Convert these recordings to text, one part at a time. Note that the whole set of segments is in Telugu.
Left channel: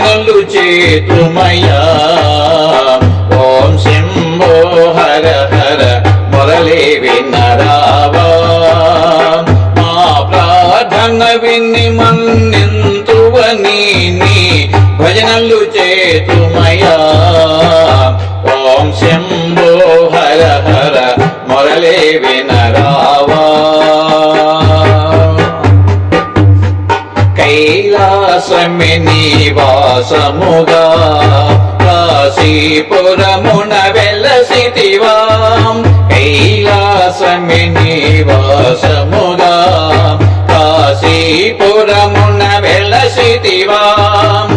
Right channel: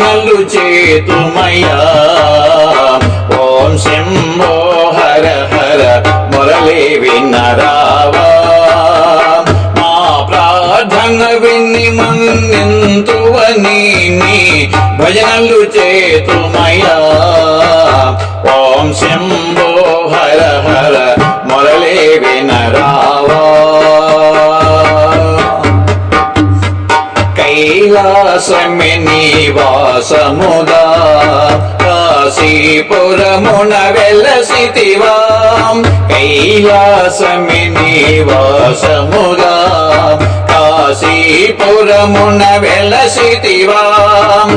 భజనలు చేతుమయ్యా. ఓం శంభో హర హర మొరలే వినరావా మా ప్రార్థన విన్ని మన్నింతువని భజనలు చేతుమయ్యా. ఓం శంభో కైలాసమి నివాసముగా కాశీపురమున వెలసితివాం కైలాసమి నివాసముగా కాశీపురమున వెలసితివాం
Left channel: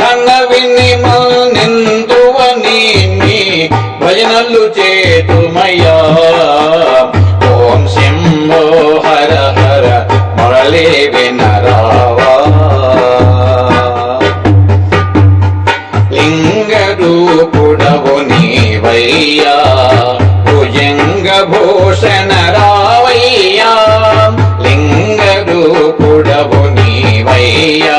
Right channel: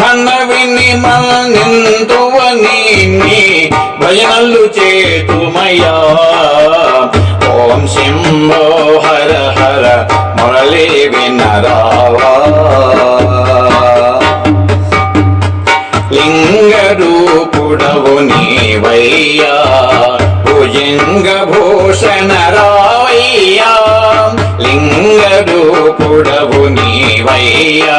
ధన విని నిందువని నీ భజనలు చేతుమయా ఓం శంభో హర హర మురళీ వినరావా. లింగరూపుడవు నీవయ్యా భుజంగ భూషణ రావయ్యా లింగరూపుడవు నీవయ్యా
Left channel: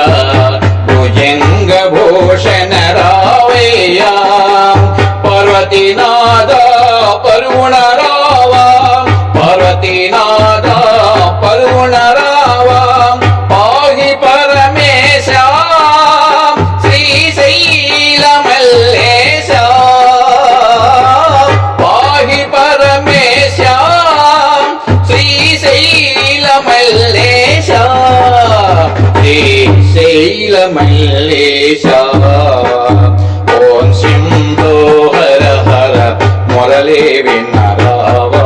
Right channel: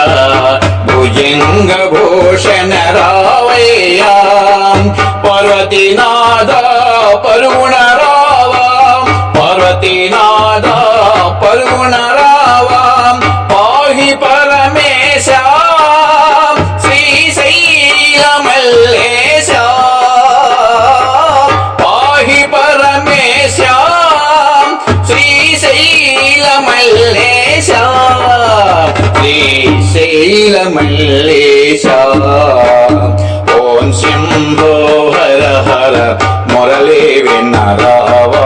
పరుణ రావా పార్వతీనాథ పరుణ పాహి పరమేశ శ్రీశైలమల్లేశ పాహి పరమేశ శ్రీశైలమల్లేశ మొరలే విన్నరావా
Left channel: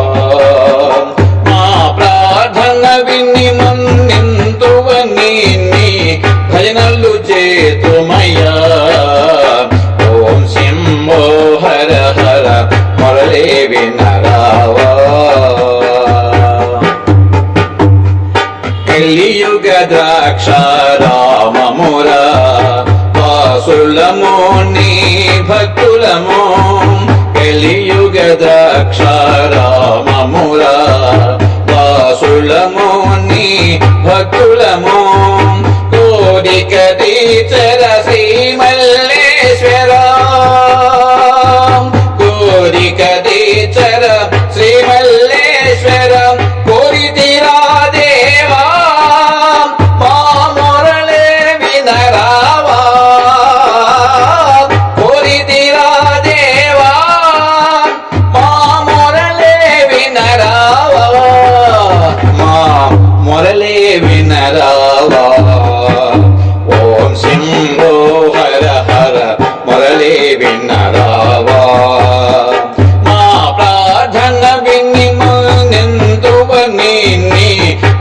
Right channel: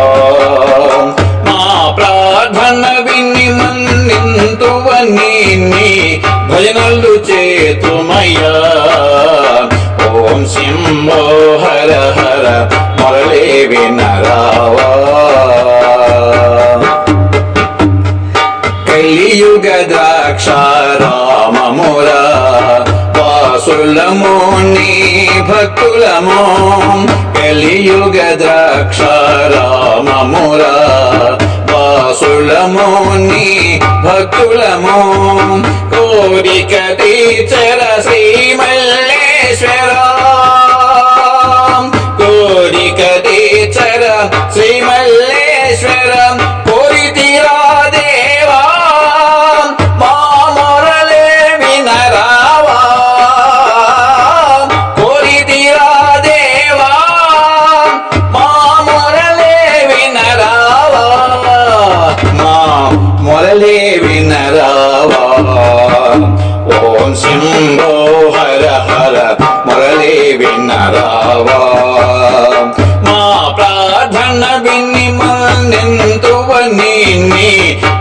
మా ప్రార్థన విని మన్నింతువని నీ భజనలు చేతుమయ్యా. ఓం సింహో హర హర మొరలే వినరావా. కలియుగ ద్రాక్షారామమురా వాసులము నీ భక్తులము కలియుగ ద్రాక్షారామమురా వాసులము నీ భక్తులము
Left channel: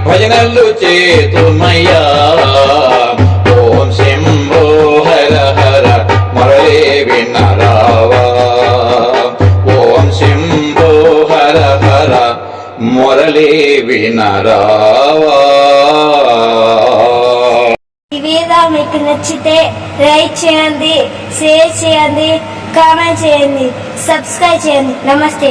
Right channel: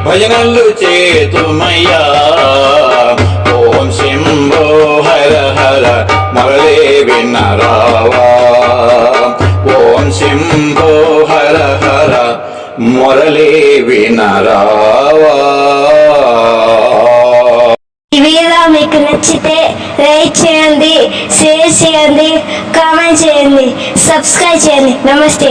భజనలు చేతుమయ్యా. ఓం శంభో హర హర మరలే వినరావా ఓం శంభో హర హర మురళే వినరావా మీకు నచ్చితే లైక్ చేయండి షేర్ చేయండి కామెంట్ చేయండి సబ్స్క్రైబ్ చేయండి. నమస్తే.